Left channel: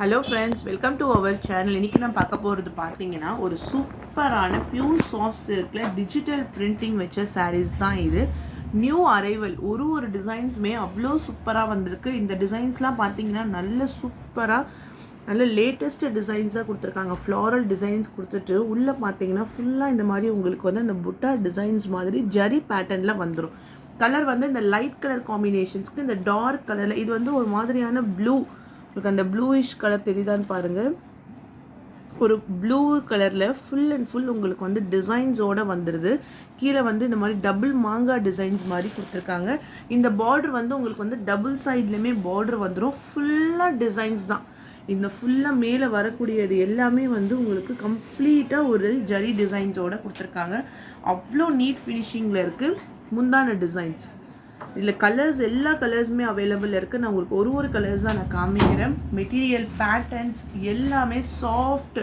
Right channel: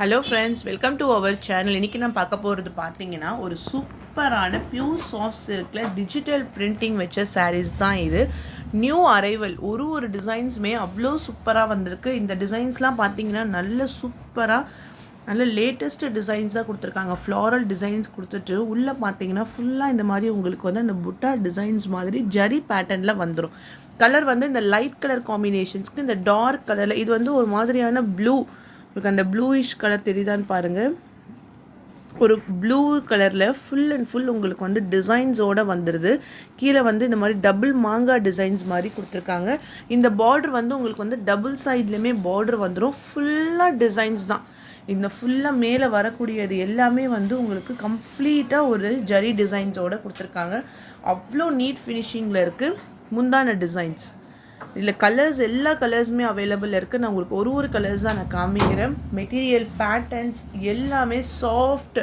Hello friends, welcome to our channel. இன்றைக்கி நான் பார்க்க போகிறது பார்த்தீங்கன்னா ஒரு சூப்பரான பியூர் சாஃப்ட் சில்கில் டிஜிட்டல் பிரிண்டிங் வச்ச சாரீஸ் தான் இது. New arrival. ஒரு டிசைன்ஸுமே அவ்வளோ சூப்பராக வந்திருக்கு. இந்த டிசைன்ஸ்லாம் பார்த்தீங்கன்னா நல்ல சூப்பராக நல்ல லேட்டஸ்ட் டிசைன்ஸாக கொடுத்துருக்காங்க. ஃப்ளாரல் டிசைன்ஸ் கொடுத்துட்டு உள்ளே பார்த்தீங்கன்னா ஃபுல்லாக இந்த மாதிரி உங்களுக்கு வந்து அந்த புட்டா டிசைன்ஸ் மாதிரி ஜரி பேட்டர்னில் வந்துடும். கலர் வந்து இந்த லைட் கலர் காம்பினேஷன்ஸ்க்கு இந்த டார்க் கலரில் இது வந்து ஒரு மாதிரியான ப்ளூ, உங்களுக்கு அந்த ப்ளூயிஷ் கலர் தெரியுதான்னு பாருங்கள். ஒரு ப்ளூ கலரில் ஃபுல் அண்ட் ஃபுல் உங்களுக்கு வந்து டிசைன்ஸோடு வந்துடுது. கீழே வந்து இந்த மாதிரி டபுள் மாங்காய் டிசைன்ஸ் மாதிரி கொடுத்துருக்காங்க. இந்த பார்டர் வந்து உங்களுக்கு வந்து டபுள் சைட்லேயுமே பார்டர் வந்துடும். ஃபுல்லாக டிசைன்ஸ் தான். இந்த ஃபுல்லாக மேலே வரக்கூடியது எல்லாமே வந்து உங்களுக்கு கம்ப்ளீட்டாக ஒரு ஜரி டிசைன்ஸோடு கொடுத்துருக்காங்க. அவ்வளோ நீட் ஃபினிஷிங்கில் இருக்குது. முந்தான டிசைன்ஸ் இதில் கலர்ஸ் எல்லா கலர்ஸுமே அவைலபிள் இருக்குது. நான் உங்களுக்கு ஒரு கலர்ஸ் தான் நான் காமிக்கிறேன். மெட்டீரியல் பேட்டர்ன்ஸ் எல்லாமே சாஃப்ட்.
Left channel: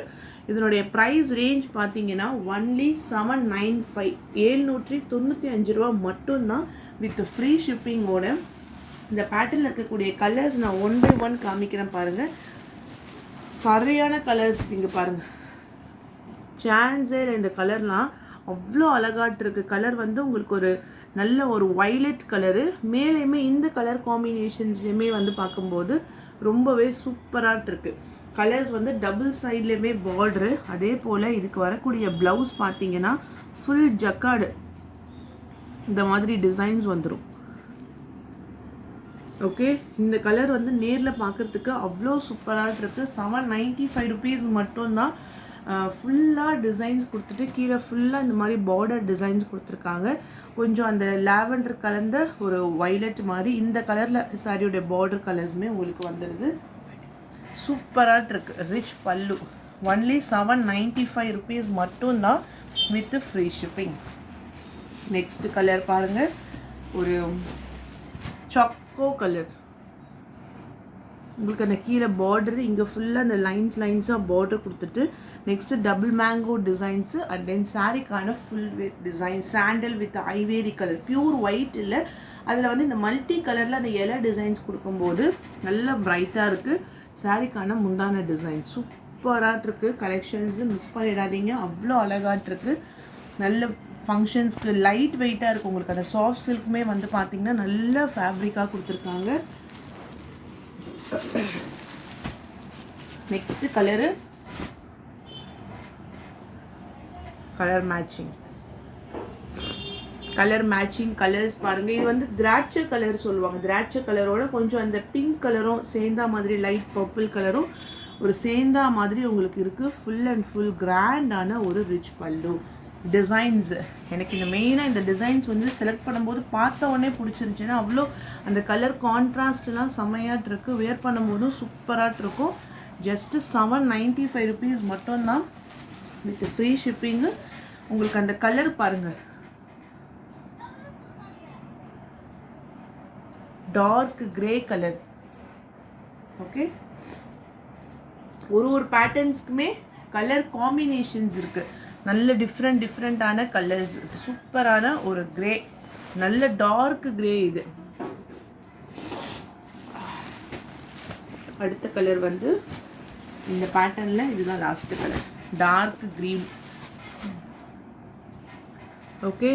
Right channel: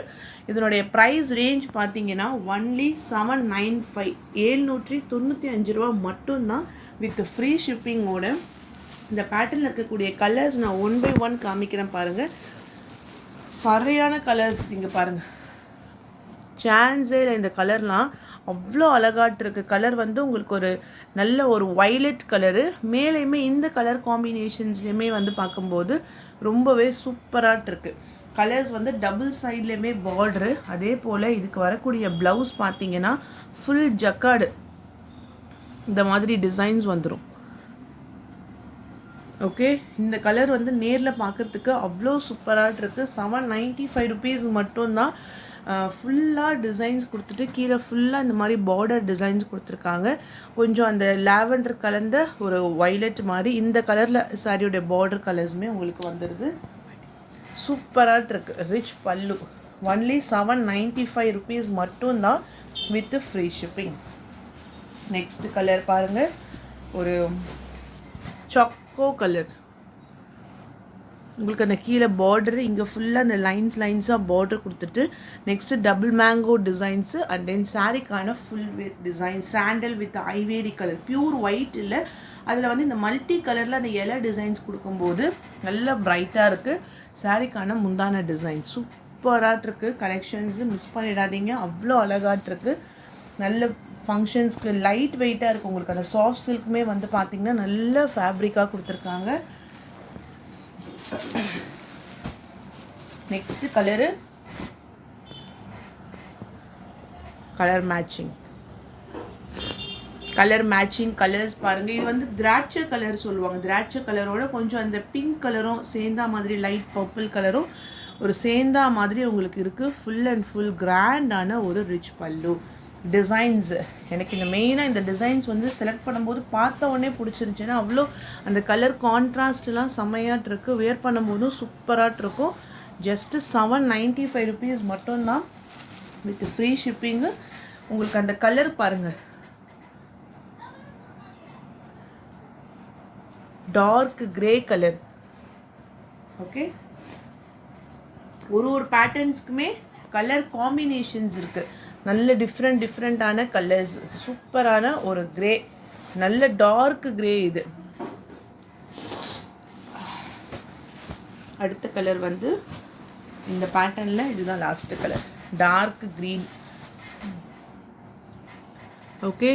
இதனுடைய ப்ரைஸ் ரேஞ்ச் பார்த்தீங்கன்னா ஒன்லி 795 795 ரூபா மட்டும்தான் வித் ஃப்ரீ ஷிப்பிங்கோட. இந்த பேட்டர்னில் இருக்கக்கூடிய கலர்ஸ் நான் 1 by 1 காமிக்கிறேன் பாருங்கள். சரியான கலர்ஸ் இங்கே பாருங்கள். சான்ஸே இல்லை. இந்த கலர்லாம் அவ்வளோ அழகாட்டு இருக்குது. கலர் வந்து உங்களுக்கு ஒரு நல்ல ஒரு வைலட் கலரு. மேலேயுமே இந்த கலர் காம்பினேஷன்ஸ்லேயுமே வந்து பார்க்கும்போது ரொம்பவே சூப்பராக இருக்குது. கலர்ஸ் வந்து டபுள் சைட்லேயுமே பார்டரு. அதே போல் இதுக்கு வரக்கூடிய ப்ளவுஸ் பார்த்தீங்கன்னா ஃபுல் ஜக்கார்டு இந்த மாதிரி டிசைன்ஸ் வந்துடும். ஓகே, இந்த கலர் வந்து நேரில் பார்க்குறதுக்கு அவ்வளோ சூப்பராக இருக்குது. 795 ருபீஸ் மட்டும்தான். ஃபுல்லாக டிசைன்ஸ் கொடுத்துட்டு கீழே ஃபுல்லாக இந்த மாதிரி பார்டர் டிசைன்ஸ் கொடுத்துருக்காங்க. கொஞ்சம் அந்த லாவெண்டர் கலந்த ஒரு வைலட் மாதிரி இந்த கலரில் சாரியோடைய பார்டர் கலர்ஸுமே உங்களுக்கு வந்துடுது. சூப்பராக இருக்குது. ரிச் பல்லு. ஒன்லி 795 ருபீஸ் மட்டும்தான் with free shipping. Next colour பாருங்கள். ஒரு சாக்கோ கலர். உங்களுக்கு அந்த கீழே பார்டரு இங்கே ஃபுல்லாக அந்த லைன்ஸாக பார்டர் கொடுத்துட்டு next double mango designs and then சாரிக்கான full with design sandal with ivory colour. Pure white இல்லை, அதில் வந்து இந்த மல்டி கலரில் அந்த எலை டிசைன்ஸ் கொடுக்கும்போது நல்லா பிரைட்டாக இருக்குது. சாரிக்கான முந்தான டிசைன் சூப்பராக இருக்குது. கலெக்ஷன்ஸு மிஸ் பண்ணிடாதீங்க. அவ்வளோ அழகாட்டிருக்கு. நல்ல ஃபங்க்ஷன்ஸ்க்கு லைட் வெயிட்டாக இருக்குது. உங்களுக்கு அந்த சாஃப்ட் சில்க்குமே வந்து பார்த்திங்கன்னா நல்ல ஃபேப்ரிக்காக கொடுத்துருக்காங்க. Next colour colour matching colours பாருங்கள். இது வந்து திராட்சை கலர் சொல்லுவாங்க. திராட்சை கலரோட கொஞ்சம் அந்த பிங்க் கலரும் சேர்ந்தா மாதிரி லைட் பர்பிள் கலரும் ஒரு சேர்ந்தா மாதிரி உங்களுக்கு இருக்குது. ஃபுல் அண்ட் ஃபுல் கிராண்டான ஒரு ரிச் பல்லு. டிசைன்ஸு எனக்கு இந்த மெயினாக இந்த டிசைன்ஸ் வந்து செலக்ட் பண்ணும்போது பார்த்த உடனே பிடிச்சிருந்துச்சின்னா அவ்வளோ அந்த கலர் கான்ட்ராஸ்ட்லாம் செம்மையாட்டு இருக்குது. வேர் பண்ணும்போதும் சூப்பராக இருக்கும். ஜஸ்ட்டு 795 ருபீஸ் மட்டும்தான் வித் ஃப்ரீ ஷிப்பிங்கு. உங்களுக்கு அந்த கலர் பாருங்கள், டார்க் கிரே கலர். ஓகே, ஒரு பேட்டர்ன்ஸ்க்குமே கலர் காம்பினேஷன்ஸ் இருக்குது. நல்ல டிஃப்ரெண்ட்டான கலர்ஸ். சூப்பரான ஒரு கிரே, நல்ல டார்க் கிரே. இது அடுத்த கலர் வந்து இந்த பேட்டர்னில் இதுதான் last colour, dark green. Okay,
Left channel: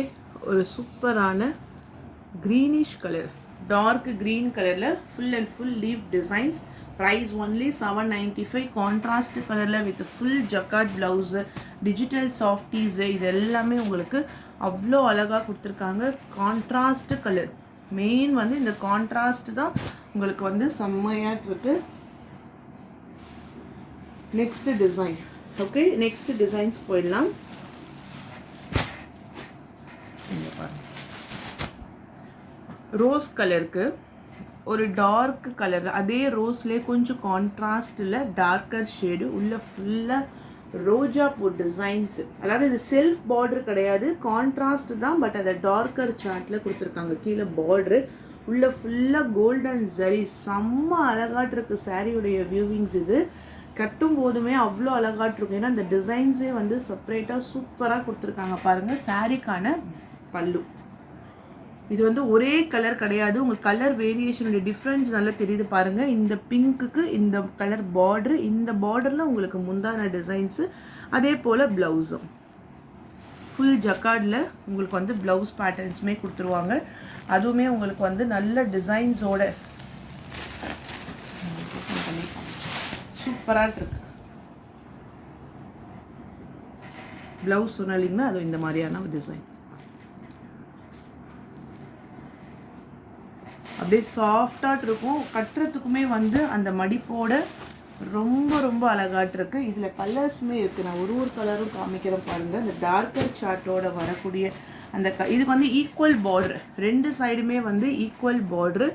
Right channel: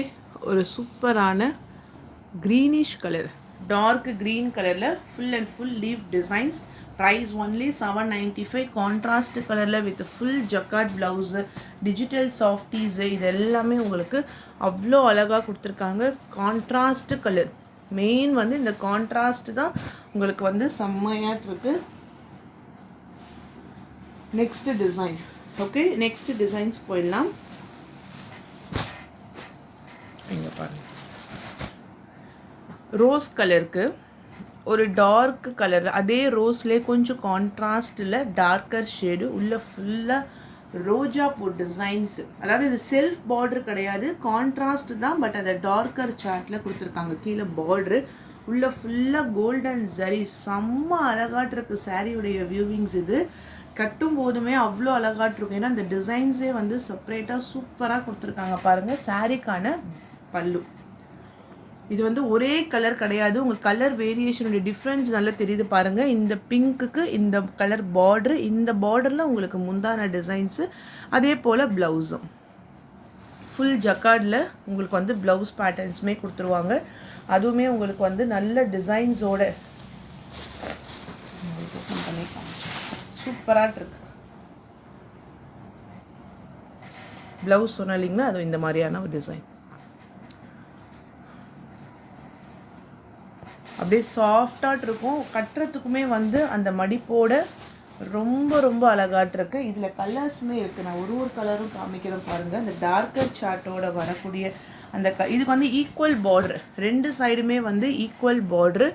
ஒரு சூப்பரான க்ரீனிஷ் கலர், டார்க் க்ரீன் கலரில் full and full leaf designs. Price only 795. Contrast கலரில் with full jacquard blouse, digital softies, இது எல்லாமே உங்களுக்கு அவ்வளோ அழகாக கொடுத்துருக்காங்க. கான்ட்ராஸ்ட் கலர் மெயின் வந்து இந்த கான்ட்ராஸ்ட் தான் உங்களுக்கு வந்து செம்மையாக இருக்குது. Next design. Okay, next designs போயிடலாம். இங்கே பாருங்கள், ரோஸ் கலருக்கு ஒரு டார்க் கலர், அதே ரோஸ்லேயே கொஞ்சம் கான்ட்ராஸ்டில் டார்க்கர் ஷேடு, உள்ள ஃபுல்லாக ரோஜா பூ டிசைன்ஸு. அதாவது இது செல்ஃப் பார்டர் கிடையாது, கான்ட்ராஸ்ட் தான். பட் அதை டார்க்கர் சார்ட்டில் கொடுத்துருக்காங்க. கீழே பார்டரு, உள்ள ஃபுல்லாக கோல்டன் சரி. செம்ம அழகாட்டிருக்கு சாரியுடைய வியூவிங்ஸ். இது கட்டும் போதுமே அவ்வளோ அழகாட்டிருக்கும். ஏன்னா இந்த டிசைன்ஸே வந்து செப்பரேட்டாக சூப்பராக கொடுத்துருக்காங்க பாருங்கள். சாரிக்கான பல்லு இது வந்து ஒரே கலர் கிடையாது, உங்கள் கலர் வேரியேஷனுடைய டிஃப்ரென்ஸ் நல்லா தெரியுது பாருங்கள். இந்த பிங்க்குக்கு இந்த கலர் பார்டரு, இந்த பார்டரில் உங்களுக்கு முந்தான டிசைன்ஸு, அதே போல் ப்ளவுஸும் ஃபுல் ஜக்கார்டில் உங்களுக்கு வந்து ப்ளவுஸ் பேட்டர்ன்ஸுமே கொடுத்துருவாங்க. அதுவுமே உங்களுக்கு வந்து நல்ல டிசைன்ஸோட சூப்பராக இருக்கு. ப்ளவுஸ் சொன்ன இல்லைங்கன்னா அது இந்த மாதிரியான ஒரு டிசைன் அப்படியே சாஃப்டாக இருக்கும். கட்டுறதுக்குமே வந்து அந்த மடிப்போட ரொம்ப ரொம்ப அழகாட்டு இருக்கு. இதில் கலர்ஸுமே இருக்குது. நான் ஒரு கலரும் காமிக்கிறேன் பாருங்கள். இந்த டார்க்கர் சார்ட்டோட வரக்கூடிய அந்த இதுக்கு வந்து ஈக்குவல் பார்டர், ரெண்டு சைடுமே வந்து ஈக்குவல் பார்டரு.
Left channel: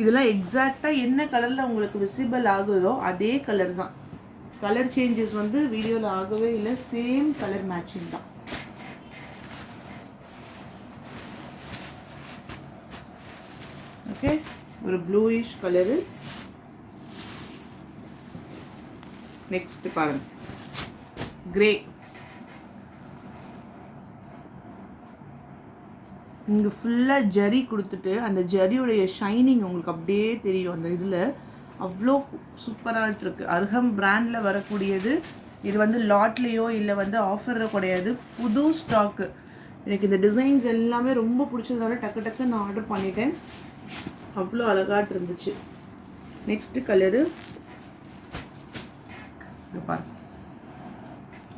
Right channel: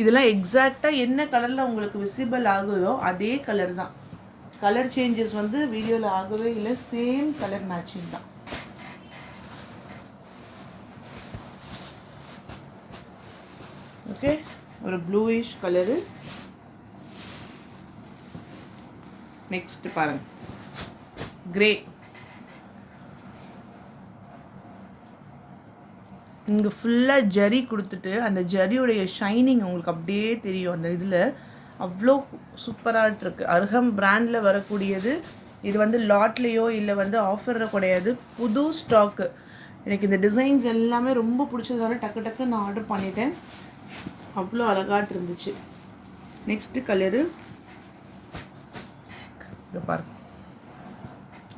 இதெல்லாம் எக்ஸாக்டாக என்ன கலரில் உங்களுக்கு விசிபிள் ஆகுதோ அதே கலர் தான். கலர் சேஞ்சஸ் வந்து வீடியோவில் ஆகவே இல்லை, சேம் கலர் மேட்சிங் தான். ஓகே, ஒரு ப்ளூயிஷ் கலரு. நெக்ஸ்ட் பாருங்க, கிரே. இங்கே ஃபுல்லாக ஜரி கொடுத்துட்டு அந்த ஜரியுடைய ஷைனிங் உங்களுக்கு அப்படியே தெரியும். அந்த இதில் அவ்வளோ சூப்பராக இருக்குது. அர்ஹம் பிராண்டில் வரக்கூடியது. இது வந்து லாட்லேயோ இல்லை வந்து ஆஃபரில் கிடையாது, புது ஸ்டாக்கு. எனக்கு இந்த டிசைன்ஸ் எல்லாமே ரொம்ப பிடிச்சதால டக்கு டக்கு நான் ஆர்டர் பண்ணிட்டேன். அவ்வளோ அழகாட்டு இருந்துச்சு. நெக்ஸ்ட் கலரு பாருங்க.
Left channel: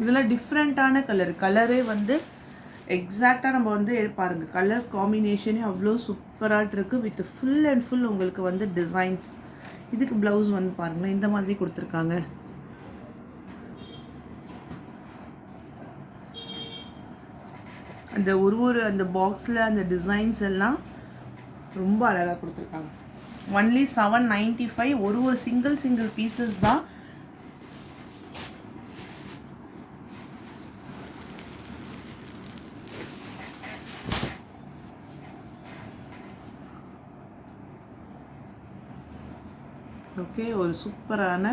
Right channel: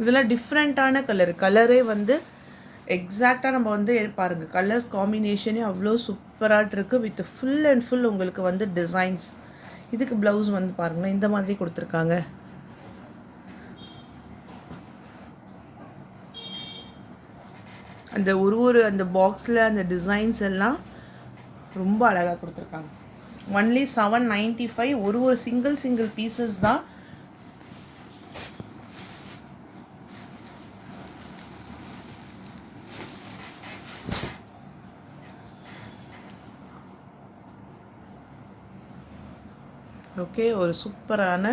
இதெல்லாம் டிஃப்ரெண்ட்டான கலரே வந்து எக்ஸாக்டாக நம்ம வந்து பாருங்கள், கலர்ஸ் காம்பினேஷனே அவ்வளோ சூப்பராக இருக்குது. வித் ஃபுல் அண்ட் ஃபுல் உங்களுக்கு வந்து டிசைன்ஸ். இதுக்கு ப்ளவுஸ் வந்து பாருங்களேன், இந்த மாதிரி கொடுத்துருக்காங்க. அந்த ஒரு அந்த பாக்ஸில் அந்த டிசைன்ஸ் எல்லாம் ரொம்ப அழகாக கொடுத்துருக்காங்க. ஒன்லி 795. ஒரு சிங்கிள் பீசஸ் தான். ஓகே, ஒரு சூப்பரான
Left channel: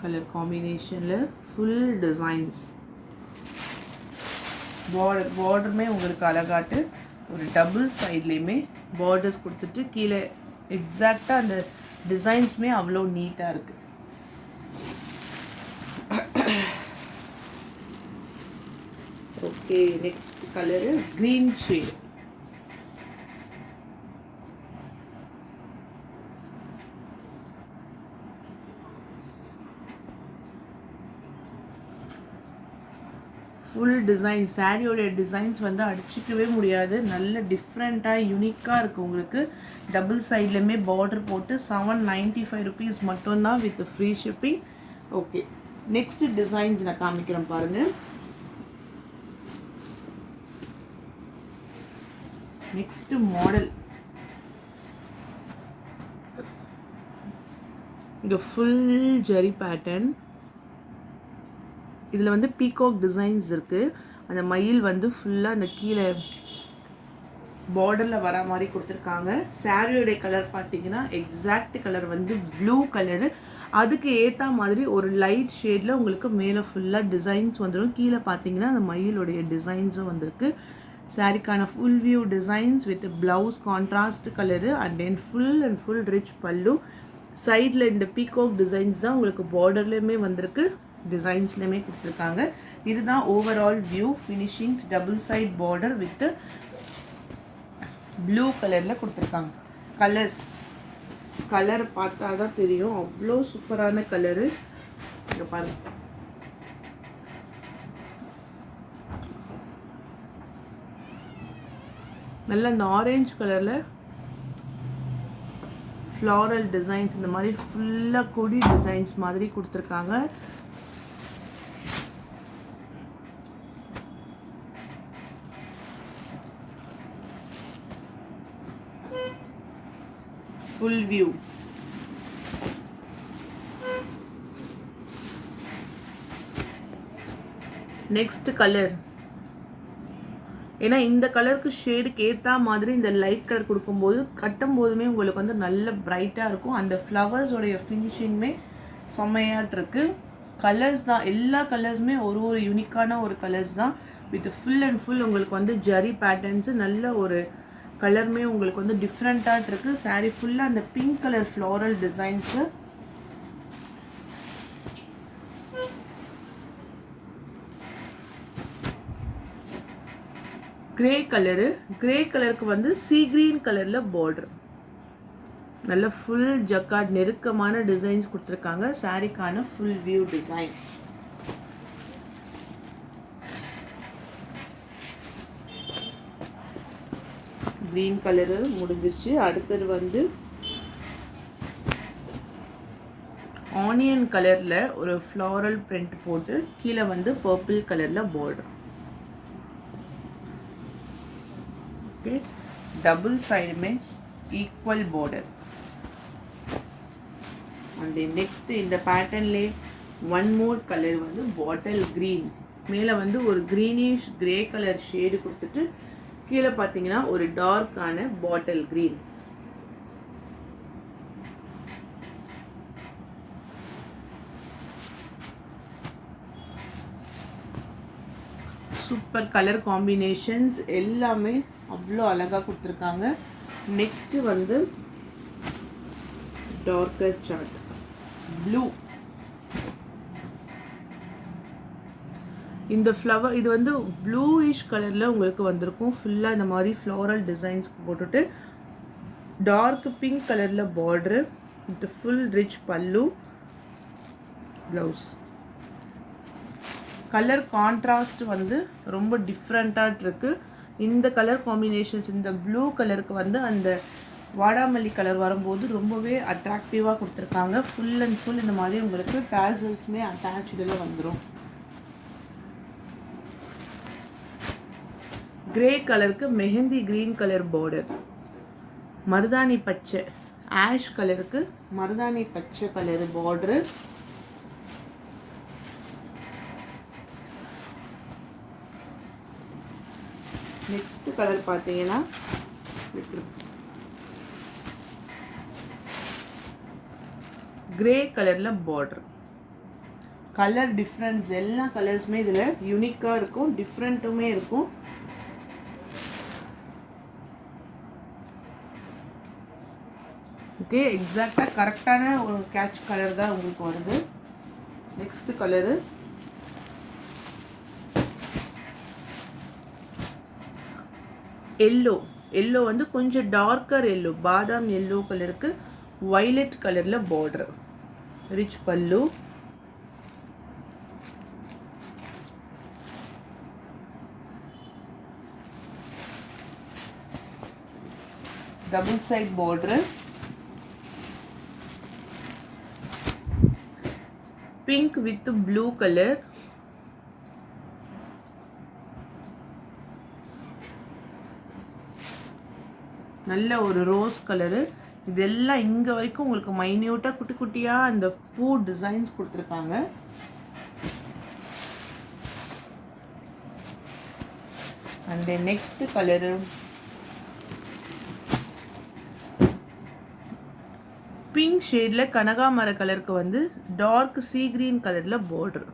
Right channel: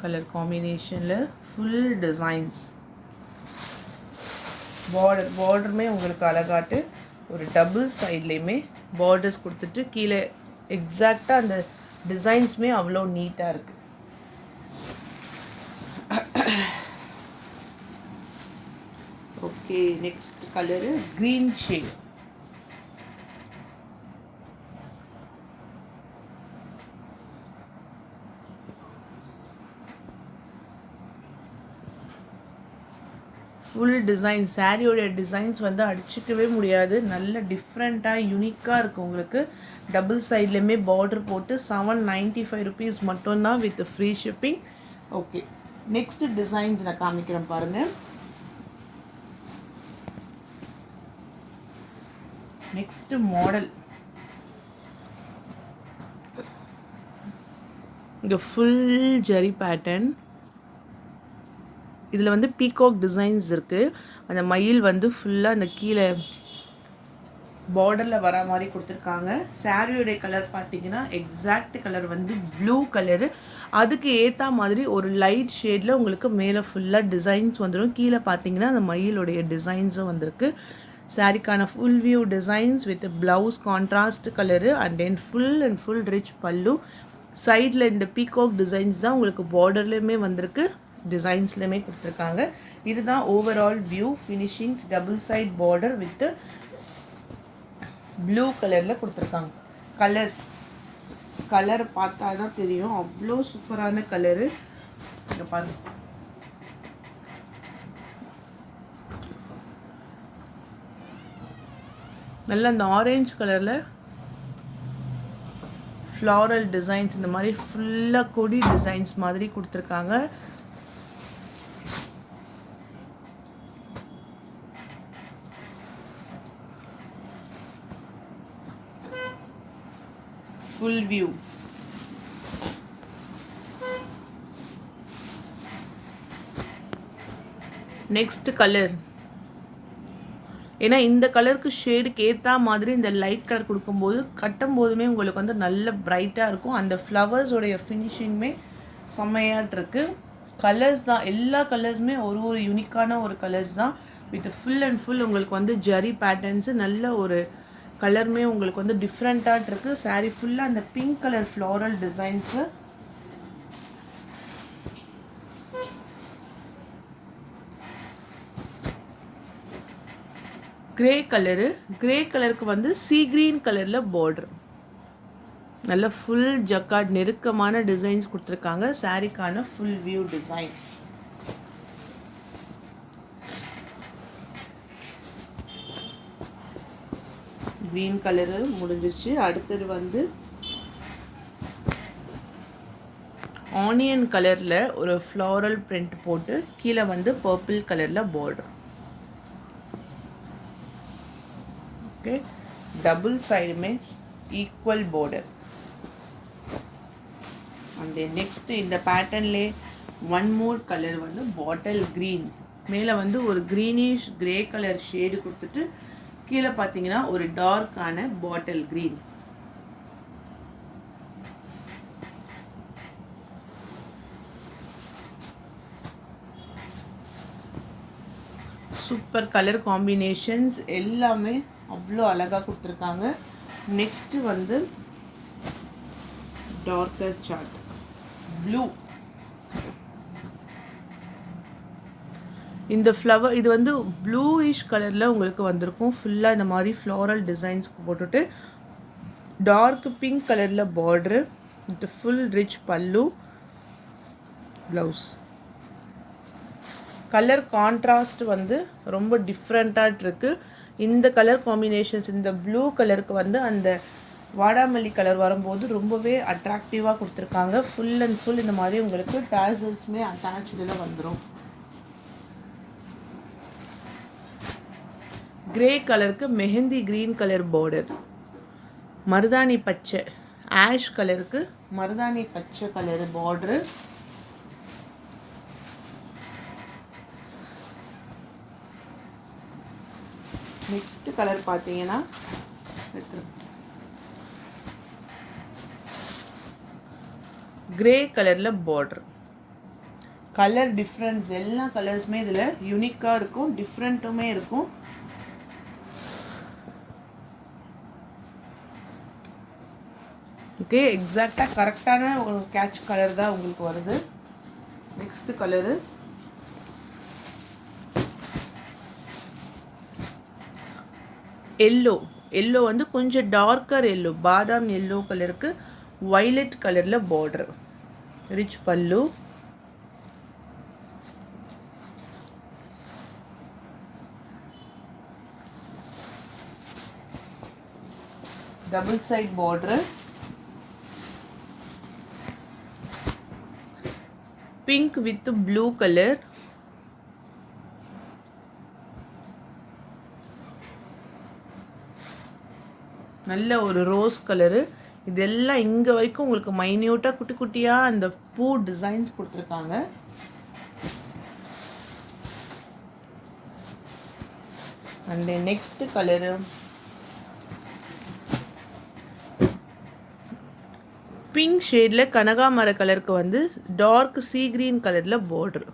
கலர் காம்பினேஷனில் ஃபுல் டிசைன்ஸ். பார்டருமே உங்களுக்கு அழகாட்டு ஒரு டபுள் சைட்லேயுமே பார்டர்ஸ் கொடுத்துட்டு கீழே எக்ஸாக்டாக அந்த டிசைன்ஸுமே அவ்வளோ நீட்டாக இருக்குது. Okay, next colour green shade. Full design. சாரியோடைய டிசைன்ஸ் வந்து அடிச்சிக்கவே முடியாது. நல்ல டிஃப்ரெண்ட்டாக யூனிக்காக இருக்குது உங்களுக்கு. டபுள் சைட்லேயுமே பார்டர் போட்டு 795 ருபீஸ் மட்டும்தான் with free shipping. Okay, next designs நான் காமிக்கிறேன் பாருங்கள். Next model. இங்கே ஃபுல் ஜரி பேட்டர்ன். இதில் வந்து பீகாக் டிசைன்ஸ் இருக்குது. அந்த மயில் வந்து ஃபுல்லாக அந்த கீழே பார்டரில் வர மாதிரி கொடுத்துருக்காங்க. சாரியோடைய கலர் பார்த்தீங்கன்னா எக்ஸாக்ட் கலர் வந்து ப்ளூ கலரு. அதுக்கு ஏற்ற மாதிரி ஒரு லைட் ஷேடில் உங்களுக்கு மேலே ஃபுல்லாக டிசைன்ஸ் வந்துடும். கீழே பார்த்தீங்கன்னா அந்த மயிலுடைய டிசைன்ஸும் வந்திருக்கு. சாரிக்கான full view designs with blouse contrast colour and then full rich pallu. சைடில் இந்த பீகாக் டிசைன்ஸ் தான் உங்களுக்கு பார்டர்லேயுமே வந்திருக்கு, டிசைன்ஸ்லையுமே கொடுத்துருக்காங்க. இதுதான் overall view. Finishings double side border with blue கலரில் கொடுத்துருக்காங்க. கலர் பார்த்தா தான் தெரியும், அவ்வளோ சூப்பரான கலரு. இங்கே பாருங்க, நல்லா அந்த ஆரஞ்சு கலரில் ஃப்ளாரல் டிசைன்ஸ், இந்த மாதிரி ஃபுல்லாக கொடி டிசைன்ஸ் மாதிரி கொடுத்துருக்காங்க. Full view. Next colour. ஏன்னா இந்த கலருக்கு ஷேடுக்கு ஏற்ற மாதிரி இந்த லைட் கலர் கொடுக்கும்போது கட்டும் போதுமே உங்களுக்கு வந்து நல்ல பிரைட்டாக இருக்கும். அந்த ஃப்ளவர்ஸோடைய ஃபினிஷிங்குமே செம்மையாட்டு இருக்குது. கலர்ஸ் தான், எல்லா கலர்ஸுமே ஒரு யூனிக்கான ஒரு கலர்ஸ் தான். வித் ஃபுல் அண்ட் ஃபுல் உங்களுக்கு வந்து ஜரி பேட்டர்ன்ஸு, நல்ல ஒரு கலருமே உங்களுக்கு வந்து டிஃப்ரெண்ட்டாக இருக்குது. சாரீ ஃபுல்லாக அந்த pink colour floral designs. Grey colour, grey கலருக்கு வந்து சீ கிரீன் கலரில் பார்டர், நல்ல ஃபுல் ஜக்கார்ட் நெருக்கமான டிசைன்ஸ் கொடுத்துருக்காங்க. சாரீக்கான full view design. Green colour முடிஞ்சிருச்சு. அடுத்தது வந்து ஆனியன் கலரில் ஒரு ஃப்ளாரல் பிரிண்ட் போட்டு கீழே வந்து பர்பிள் கலரில் பார்டர். ஓகே, டபுள் சைடுமே ஈக்குவல் பார்டர். அண்ட் நெக்ஸ்ட் இந்த பேட்டர்ன்லே ஒன் மோர் கலர் வந்து பாட்டில் க்ரீன். மேலே வந்து ஒரு க்ரீனிஷ் கிரே கலர் ஷேடு கொடுத்துட்டு கீழே பார்த்தீங்கன்னா ஒரு டார்க்கான bottle green. Super colour combinations எல்லாமே அவ்வளோ அழகாக கொடுத்துருக்காங்க. நெக்ஸ்ட்டு வந்து டார்க்கர் சார்ட் ப்ளூ. இந்த ஃப்ளவர் இது வந்து ப்ளூயிஷ் கலரில் உங்களுக்கு வந்திருக்கும். ஃபுல்லாக இந்த மாதிரி ஃப்ளாரல் டிசைன்ஸ் போட்டுட்டு டார்க் பிங்க் கலரில் border with full rich pallu, blouse. Colour contrast வந்து ரொம்ப டிஃப்ரெண்ட்டாக இருக்குது. இந்த கலர் காம்பினேஷன்ஸ், இந்த ப்ளூ கலருக்கு வந்து அந்த வாடாமல்லி கலர் வரும்போது ரொம்பவே அட்ராக்டிவாக கொடுத்துருக்காங்க. ஃபுல் அண்ட் ஃபுல் இந்த மாதிரி உங்களுக்கு டாசல்ஸுமே அட்டாச்சில் வந்துடும். கிரே கலருக்கு மெஹந்தி க்ரீன் கலர் பார்டர், மருதாணி பச்சை ஆஷ் கலருக்கு மருதாணி பச்சை கலர் பார்டரு. நெக்ஸ்ட் கலர் பார்த்தீங்கன்னா கிரே கலரில் பார்டர். கலர் டிஃப்ரென்ஸ் எல்லா கலர்ஸுமே இதில் யூனிக்காக இருக்கும், டிஃப்ரெண்ட்டுமே இருக்கும். ஓகே, எக்ஸாக்டாக கரெக்டான ஒரு கேட்ச் கலர் தான் உங்களுக்கு வருது. Next colour yellow. எல்லோ வந்து கொஞ்சம் டார்க்கர் எல்லோ, பாதாம் எல்லோ கலருக்கு வைலட் கலரில் பார்டர், ரிச் பல்லு. Double side border, pink with blue colour. நல்ல ஒரு ரோஸ் கலரு. இதெல்லாம் இங்கே வரைக்கும் உங்களுக்கு மைன்யூட்டாக குட்டி குட்டியாக அந்த பூ டிசைன்ஸ் கொடுத்துருக்காங்க. அண்ட் நெக்ஸ்ட் கலரு பிங்க் ஷேடில் கனகாமர கலருக்கு வந்து டார்க் சீ கிரீன் கலரில் பார்டர்.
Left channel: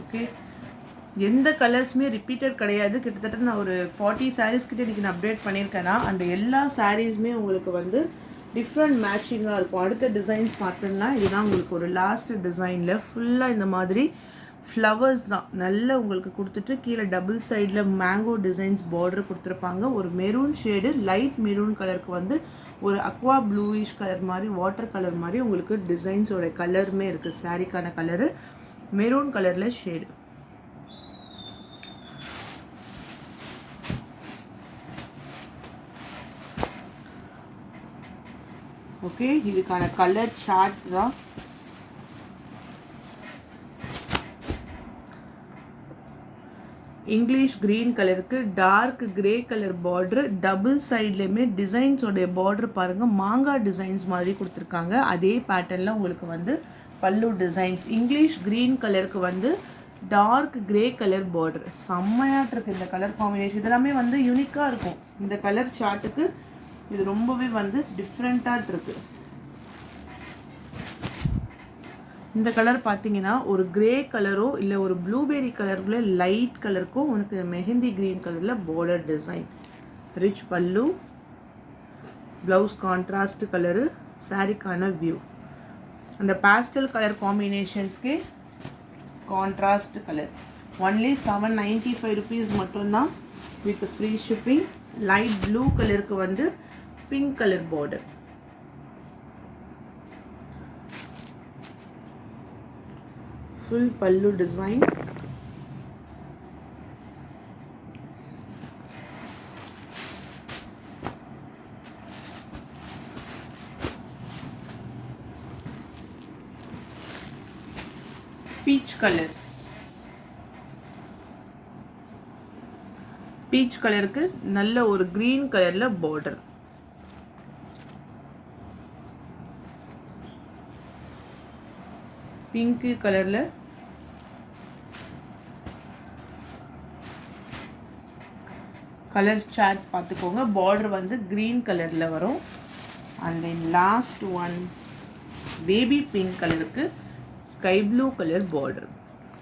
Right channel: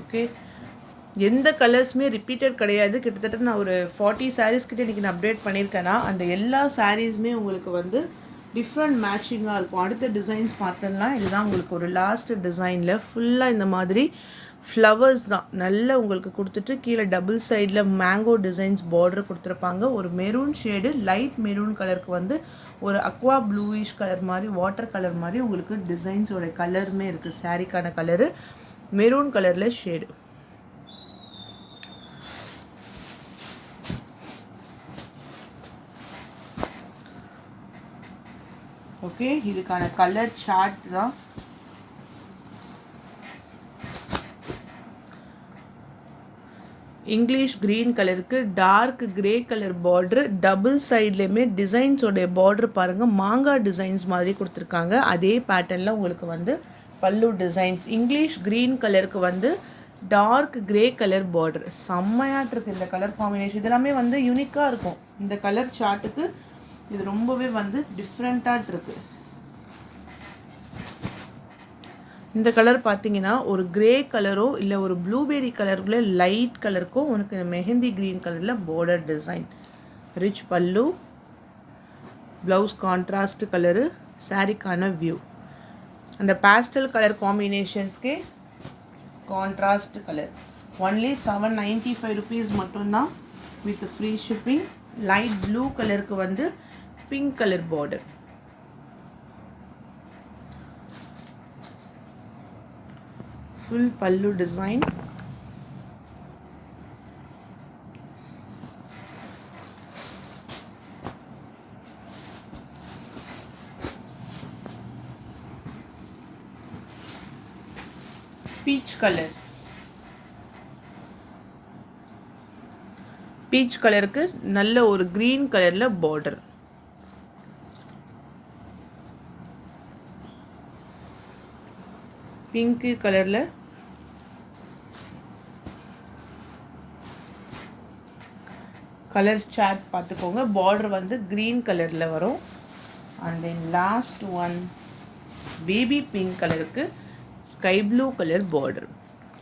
ஓகே, எந்த கலர்ஸுமே ரிப்பீட்டட் கிடையாது. கிட்டத்தட்ட நான் ஒரு 40 சாரீஸ் கிட்ட இன்றைக்கி நான் அப்டேட் பண்ணியிருக்கேன்னா அந்த எல்லா சாரீஸுமே உங்களுக்கு வந்து டிஃப்ரெண்ட் மேட்சிங்காக இருக்கும். அடுத்த டிசைன்ஸ் பார்த்தோம்னா இதுதான் உங்களுக்கு ஒரு லாஸ்ட் டிசைனில் ஃபுல்லாக இந்த மாதிரி ஃப்ளவர்ஸ் தான் நல்ல உங்களுக்கு கொடுத்துட்டு கீழே டபுள் சைடில் மேங்கோ டிசைன்ஸ் பார்டர் கொடுத்துருப்பாங்க. ஒரு மெரூன் ஷேடு, லைட் மெரூன் கலருக்கு வந்து ஒரு அக்வா ப்ளூயிஷ் கலர் மாதிரி, வாட்டர் கலர் மாதிரி உங்களுக்கு டிசைன்ஸோட கலருமே இருக்குது. சாரீக்கான கலரு மெரூன் கலரில் ஷேடு. ஓகே, இதுக்கான கலர் சார்ட் தான். இங்கிலீஷ் க்ரீன் கலருக்கு dark grey colour border, double சைட்லேயுமே டிசைன்ஸோடைய பார்டர் பாருங்கள் மாங்காய் டிசைன்ஸ் மாதிரி கொடுத்துருக்காங்க. அதே பேட்டர்னில் உங்களுக்கு வந்து பல்லு டிசைன்ஸ். இங்கிலீஷ் க்ரீன் கலருக்கு வந்து டார்க் கிரே கலர் பார்டர். செம்மையாட்டு இருக்குது இந்த கலர் காம்பினேஷன். இதெல்லாமே வந்து யூனிக்காக இருக்கும். இந்த கலர் சார்ட்டுக்கு இது ரொம்பவே வந்து டிஃப்ரெண்ட்டாக இருக்குது. இந்த கலர் பார்த்தீங்கன்னா ஒரு கிரே கலரோ இல்லை ஒரு ப்ளூபெரி கலருக்குள்ள லைட் கலருக்கும் உனக்கு மெஹந்தி க்ரீன் கலரில் border design. Rich pallu, blouse contrast colour, சாரிக்கான வியூ. அந்த பேஸ்டல் கலர் காம்பினேஷன்ஸ்க்கே கான்ட்ராஸ்ட் கலர். ஒன்லி 795 rupees மட்டும்தான் with free shipping. Light blue கலருக்கு வந்து pink colour border. Full pallu design. Peach color. Peach color க்கு நல்ல ஒரு green கலர்ல border. பிங்க் கலர்ல கலர் சார்ட் பார்த்துக்கோங்க. பார்டர் வந்து கிரீன் கலரில் வரும். And then last one baby pink கலருக்கு sky blue colour border.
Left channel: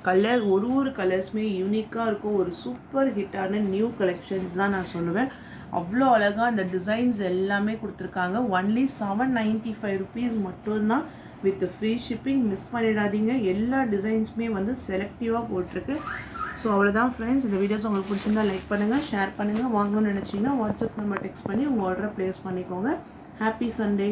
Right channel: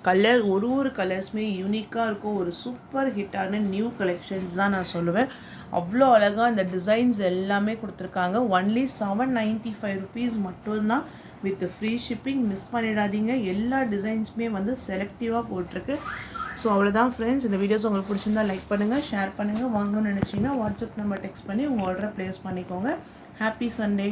Colour ஒரு கலர்ஸுமே யூனிக்காக இருக்கும். ஒரு சூப்பர் ஹிட்டான நியூ கலெக்ஷன்ஸ் தான் நான் சொல்லுவேன். அவ்வளோ அழகாக அந்த டிசைன்ஸ் எல்லாமே கொடுத்துருக்காங்க. ஒன்லி 795 rupees மட்டும்தான் வித் ஃப்ரீ ஷிப்பிங். மிஸ் பண்ணிடாதீங்க. எல்லா டிசைன்ஸுமே வந்து செலக்டிவாக போட்டிருக்கு. ஸோ அவ்வளோதான் ஃப்ரெண்ட்ஸ். இந்த வீடியோஸ் உங்களுக்கு பிடிச்சிருந்தா லைக் பண்ணுங்கள், ஷேர் பண்ணுங்கள். வாங்கணும்னு நினச்சிங்கன்னா வாட்ஸ்அப் நம்பர் டெக்ஸ்ட் பண்ணி உங்கள் ஆர்டரை ப்ளேஸ் பண்ணிக்கோங்க. Happy Sunday.